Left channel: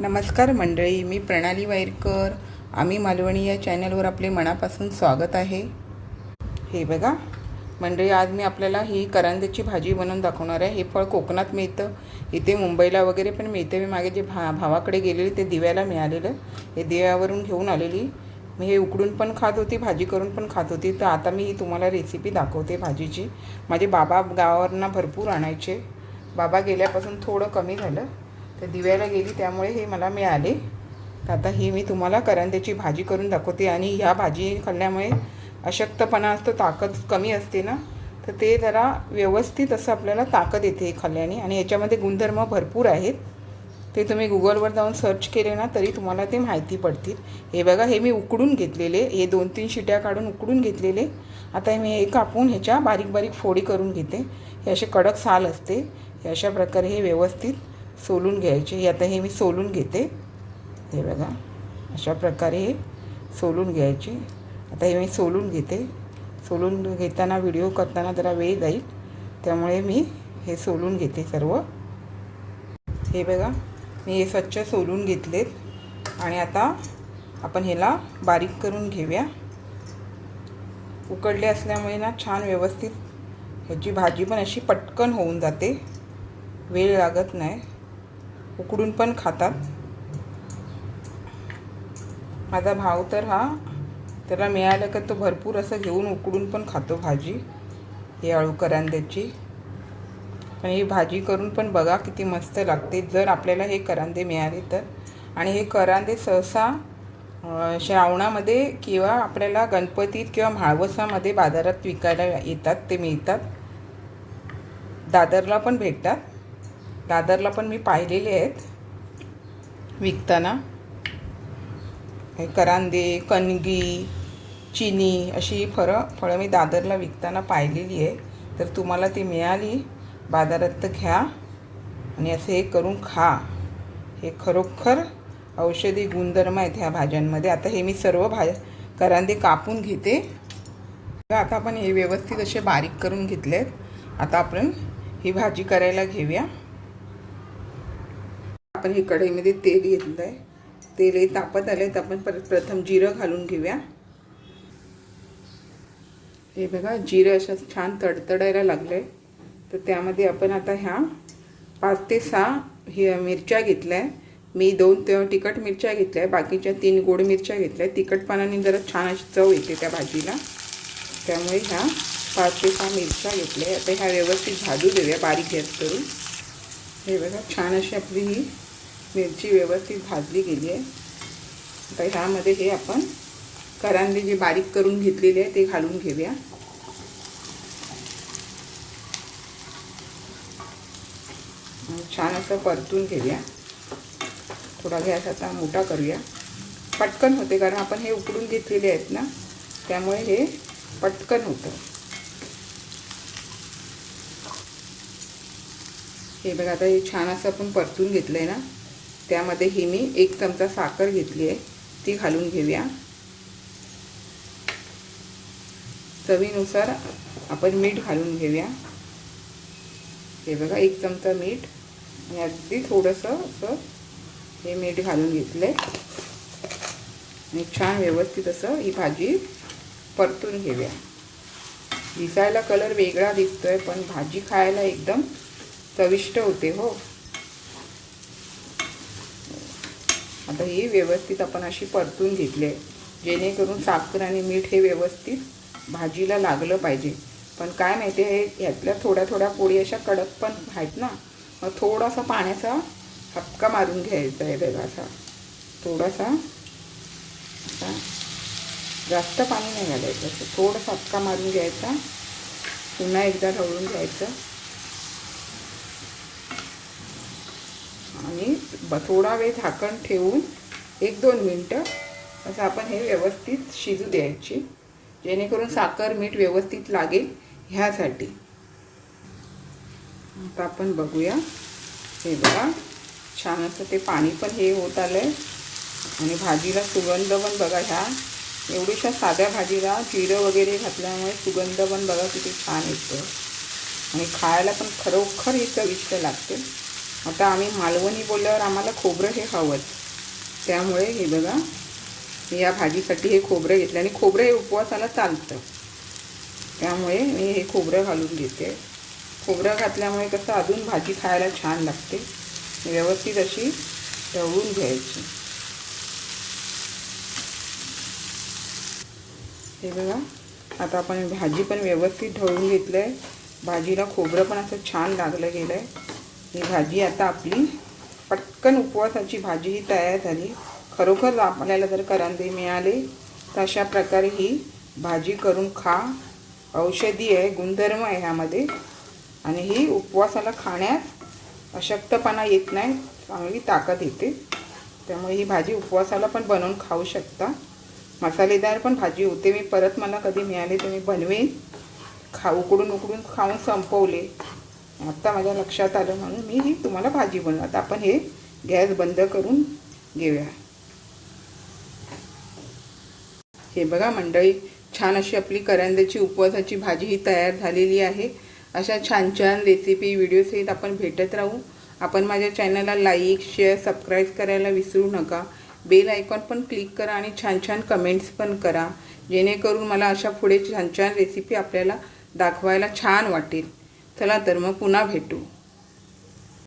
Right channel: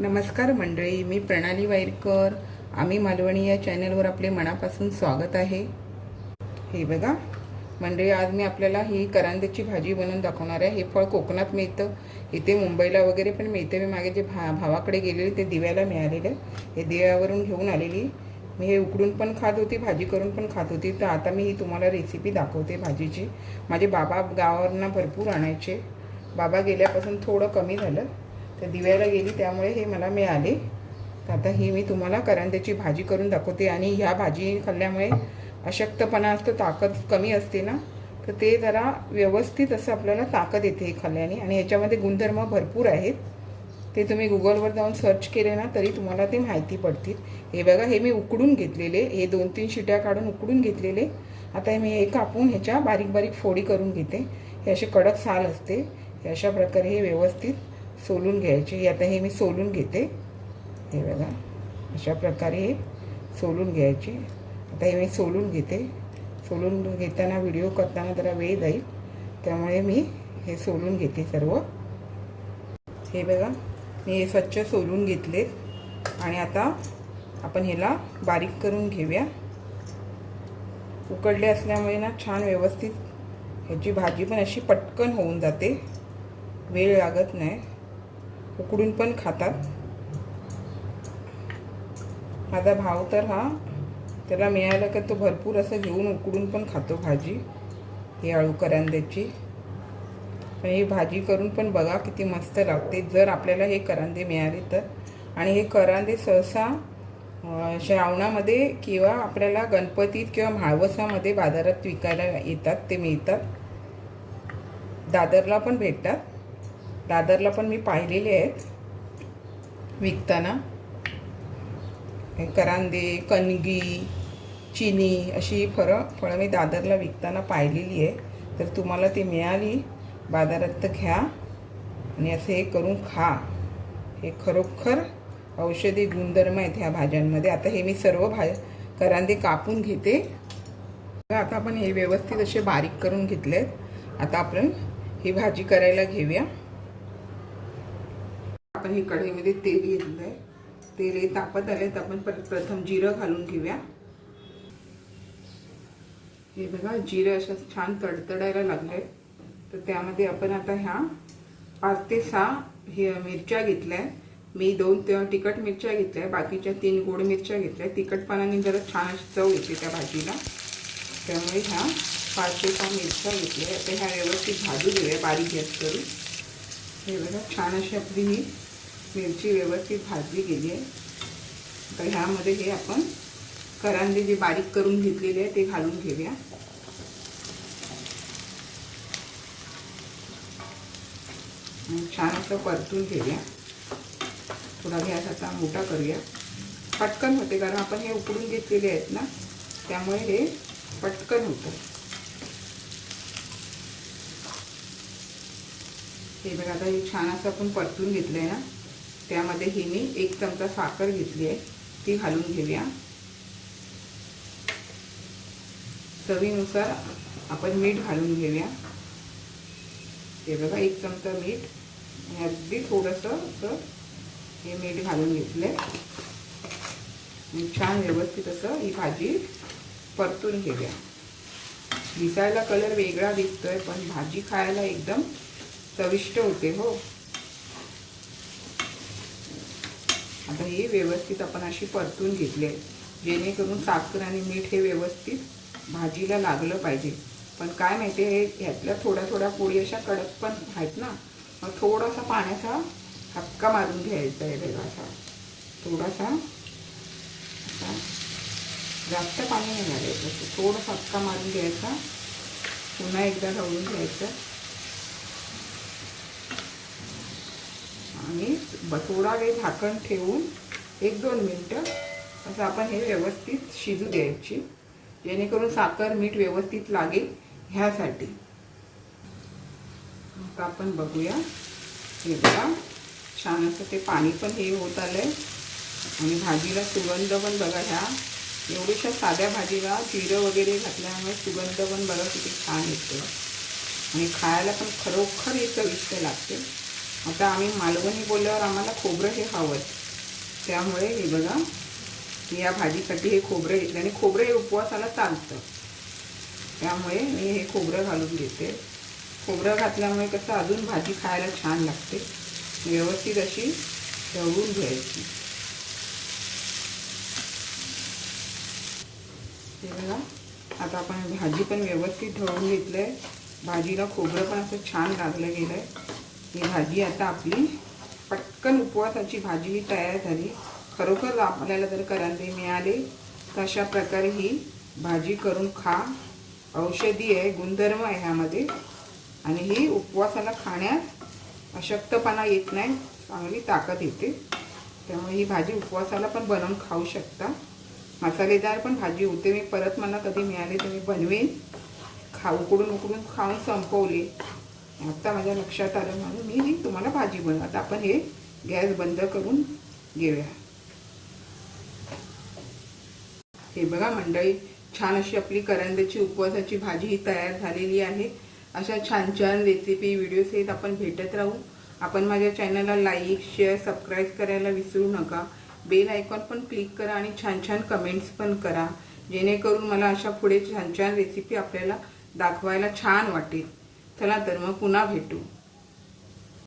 नमस्कार मंडळी मी प्रणाली वायरकर आम्ही मालवणी या चॅनलवर आपले मनापासून स्वागत आहे. हे बघा मंडळी आज मी आपल्याला ही करंद्याची भाजी बनवून दाखवणार आहे. हे फळ कोकणात मिळतं. इथे मुंबईला वगैरे पण मिळतं. मी मागे जे भा भावाकडे गेलेले ते दिव्याला मिळालेलं. हे दिव्यावरून घेऊन आलेली. मी हे उकडून पण खात होती भाजी करून पण खात होती. तर आता मी ही तुम्हाला रेसिपी दाखवते भाजीची. माझे बाबा गावावरनं भरपूर आणायचे. बाबा गेल्यापासून थोडं कमी झालं. तर दिव्याला गेली त्यामुळे हे मला मिळाले. आता ही मी तुम्हाला करंद्याची भाजी करून दाखवते आणि ह्या भाजी खाल्ल्यामुळे अशक्तपणा असतो ताकद कमी असते ना. तर ते जरा व्यवस्थित असं आपल्याला ताकद येते हे खाल्ल्याने आणि याच्यामध्ये गुणधर्म भरपूर आहेत. ते तुम्ही गुगलवर जाऊन सर्च केले ना तरी तुम्हाला ते माहिती पडतील. हे बघा हे मी उकडून घेतलेले. हे दोन तीन शिट्या काढून उकडून घेतलेले. आता हे मी हे कापून ह्याच्या बारीक बारीक फोडी करून घेते. हे असे कडक साल असते. हे अशा प्रकारे हे व्यवस्थित सोलून घ्यायचे. हे आता हे मी सोलून घेते. हे बघा. अशा प्रकारे हे सोलून घ्यायचे. आता हे मी सोलून घेते. सोलून घेताना व्हिडिओ करताना जरा वेळ जाईल. त्यामुळे मी हे सोलून घेते सर्व. हे बघा. मी हे स्वच्छ सोलून घेतलेत आणि आता आपण ह्याला बारीक करून घेऊया. उकडले असल्यामुळे ना छान व्यवस्थित ह्याची भाजी पण अशी पटकन होऊन जाते. वेळ लागत नाही. उकडून पण खातात. माझा भाव तर हा त्याला मिळालं का तो भरपूर असं घेऊन उकडून पण खातो भाजी ही आळू करांद्याची पण ही भाजी करून पण बघा किती मस्त लागते. जर आपल्याला हे करांदे मिळाले तर. आणि हे करांदे सहसा श्रावणामध्ये किंवा आपल्याला गणपतीत किंवा म्हाळवसामध्ये बाजारात विकायला येतात ते मिळतात. दादरला पण भेटतात. दादरला पण मी पाहिलेले आहेत. विकताना. हे करांदे कणगी चिनी अशी फळं फळं मी दादरला विकताना पाहिलेली आहे तर तुम्हाला ती मिळाली. बाजारात तर घ्या. आणि असं हे करून खा. हे खरोखर औषधी गुणधर्म आहेत ह्या भाज्यांमध्ये. आता हे मी सर्व भा करांदे कापून घेते. आता आपण हे व्यवस्थित असे बारीक करून घेतले आता आपण ही भाजी करायला घेऊया. आपण ही कढईमध्ये तेल घेतलं आहे तेल हे तापत आले तर आपण परत प्रथम जिरं घालून घेऊया. हे बघा जिरं असं छान तडतडायला लागले तर त्यामध्ये आपण आता ह्या पाच ते सहा हे मिरच्या घेतल्या मी दोन ते तिखट मिरच्या घेतल्या बाकीच्या तीन गोड मिरच्या घेतल्या तिखटपणाने जरा छान अशी चव येते त्या भाजीला. त्यामुळे ह्या पाच ते सहा मिरच्या घेतल्या आता ह्या व्यवस्थित भाजू देऊया बारीक गॅस करून. हे बघा छान अशी आपली ही मिरची व्यवस्थित भाजली गेली आहे. आता ह्यामध्ये हे आपण करांदे जे बारीक करून घेतलेले आहे ते घालून घेऊया. छान असं परतून घेऊया. थोडा गॅस आता मोठा करूया. पटकन होते कारण आपण हे उकडून घेतलेले आहेत ना त्यामुळे हे पटकन होतं. हे बघा आता हे छान असं आपण परतून घेतलं आहे ना. त्यामध्ये ही मी एक चमचा साखर घेतली आहे. ती घालून घेऊया. चवीनुसार आपण मीठ घालून घेऊया. हे बघा एक चमचा मीठ. आणि अगदी थोडंसं असं हे मीठ घालून घेतलं आणि छान व्यवस्थित असं ही भाजी परतून घेऊया. दिसायला कलर वेगळा दिसतोय पण भाजी खायला एकदम चविष्ट होते हो. आता ही व्यवस्थित आपण अशी परतून घेतली आहे. जेणेकरून साखर आणि मीठ हे व्यवस्थित भाजीला लागलं पाहिजे. पण काय माहिती आहे ह्यातल्या थोड्या थोड्या पोळी अशा कडक पण आहेत ना मग थोडासा पाण्याचा हपका मारून घ्यायचा आहे बघा असा थोडासा असा जास्त पाणी नाही घालायचं. असं थोडासा हपका मारून घ्यायचा. पुन्हा एकदा ढवळून घ्यायचं आणि थोडा वेळ झाकण ठेवून एक दोन मिनटं असं आपण हे व्यवस्थित शिजू द्यायची. जेणेकरून साखर मीठ व्यवस्थित लागेल ह्यासाठी. आता आपण बघूया. हे बघा छान असं ते पाणी पण हे होत आलं आहे आणि भाजीला सुगंध पण बघा ह्या. एवढ्याशा साध्या भाजीला जिरं वगैरे घातल्यामुळे सुगंध पण बघा किती छान येतो आणि खायला पण खरोखर इथं चविष्ट लागते आता आम्ही मालवणी बोलल्यावर आम्हाला खोबरं हे हवंच त्यामुळे हे बघा मी या भाजीसाठी हे खोबरं घेतलं आणि खोबरं हे उपवासाला चालतं. त्यामुळे मी हे खोबरं घालून घेते. खोबरं घातल्यामुळे कसं अजून भाजी खायला छान लागते. व्यवस्थित अशी ढवळून घ्यायची. हे बघा आता आपण भाजी पण व्यवस्थित ढवळून घेतलं आहे भाजीला खोबरं पण असं छान लागलं गेलं आहे ही भाजी आता आपली पटकन उपवासाची भाजी ही तयार झाली. खरोखर आपल्याला जर करंदे मिळाले तर अशा प्रकारे ही भाजी करून खा. औषधी आहे गुणधर्म आहे ह्यामध्ये. आणि ही उपवासाला खाण्यात अशक्तपणा येत नाही चांगली ताकद येते. त्यामुळे ही भाजी उपवासाला पण बनवून खाऊ शकता. मसालेदार पण भाजी होते. मी परत मला कधी मिळाले तर मी बनवेन. खा उकडून उकडून खाऊन संपवले. आता माझ्या लक्षात आलं म्हणून मी ही तुम्हाला भाजी बनवत आपण हे गॅस बंद करून घेऊया. हे बघा मंडळी छान अशी आपली करंद्याची उपवासाची भाजी ही तयार झालेली आहे. अशा छान छान रेसिपी व्हिडिओ सहित आपण भेटत राहू. आपण माझ्या चॅनलला लाईक शेअर सबस्क्राईब करायला विसरू नका. बेल आयकॉन पण क्लिक करा आणि छान छान कमेंट्स पण करा. जेणेकरून मला अशा पुढे छान छान रेसिपी आपल्याला दाखवायला छान वाटेल. चला तर मग पुन्हा भेटू.